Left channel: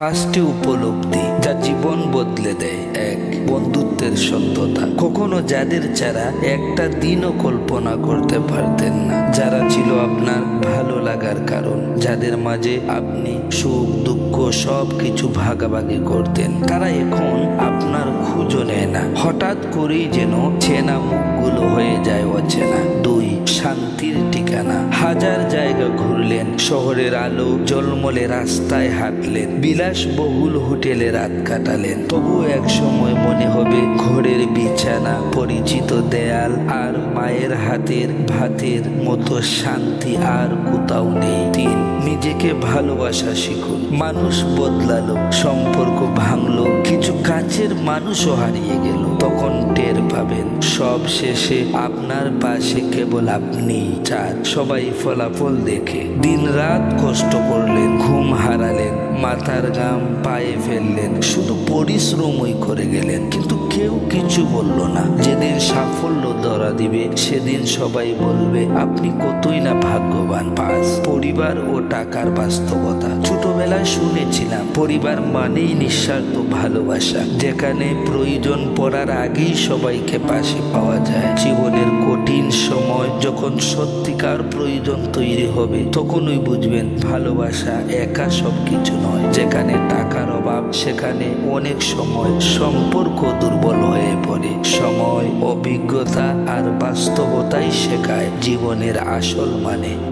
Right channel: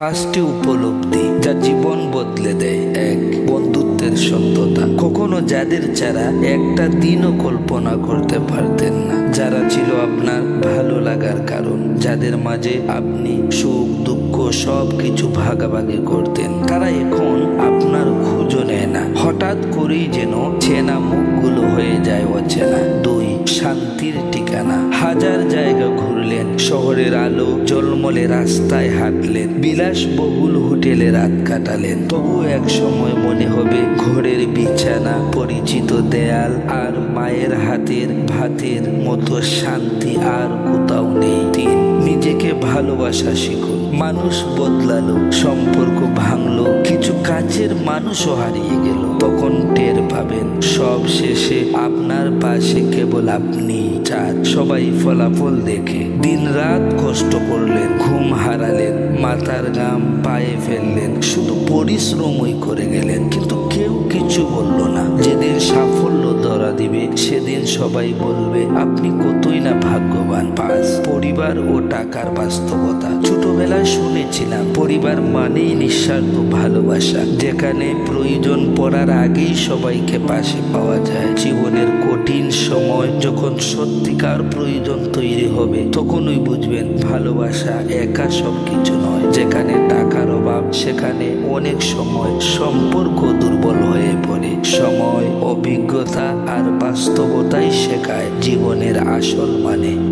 পাঁচটি উপলব্ধি যা জীবন বদলে দেয়। এক, বন্ধুত্বের সত্যতা। কখনো যাদের ছাড়া একটা দিনও কল্পনা করতে পারতেন না, যারা ছিল আপনার ভালো লাগার কারণ, যাদের মাঝে আপনি সুখ দুঃখ সব কিছু ভাগাভাগি করতেন, তারা এখন আপনার খোঁজও নেয় না। হঠাৎ করেই যেন চেনা মুখগুলো হয়ে যায় অচেনা। দুই, শান্তির ঠিকানা। হাজার জায়গা ঘুরলেন, শহরের আলো ঝলমলে রাস্তায় হাঁটলেন, বিলাসবহুল হোটেলে রাত কাটালেন, তবু এক সময় মনে হবে ঘরের বিছানা, পরিচিত দেয়াল আর মায়ের হাতের ভাতের মতো শান্তি আর কোথাও নেই। তিন, নিজেকে ভালোবাসা শিখুন। মানুষ বদলালো, সম্পর্ক ভাঙলো, কিছু কাছের মানুষও হারিয়ে গেল, তখন টের পাবেন সব শেষে আপনার পাশে কেবল আপনি। চার, সবাই ফলাফল দেখে। দিন রাত কষ্ট করলেন, ঘুম হারালেন, মাথার ঘাম পায়ে ফেললেন, শুধু পরিশ্রমই করে গেলেন, কিন্তু কেউ কিছু বলল না। যেদিন সাফল্য ধরা দিবে সেদিন সবাই বলবে আপনি কতই না ভাগ্যবান। পাঁচ, পরিবার ও টাকার বাস্তবতা। ছোটবেলায় শুনেছিলাম পরিবার মানেই নিঃস্বার্থ ভালোবাসা, যেখানে প্রয়োজন পড়ার আগেই সবাইকে পাশে পাওয়া যায়। জীবনের কঠিন সময় যখন সত্যিকার প্রয়োজন তৈরি হবে, তখনই বুঝবেন ভালোবাসা একা সবকিছু নয়। যেখানে টাকার অভাব সেখানে অনেক সময় সম্পর্ক দুর্বল হয়ে পড়ে। সময়, অভিজ্ঞতা আর বাস্তবতাই শেখায় জীবনের আসল মানে।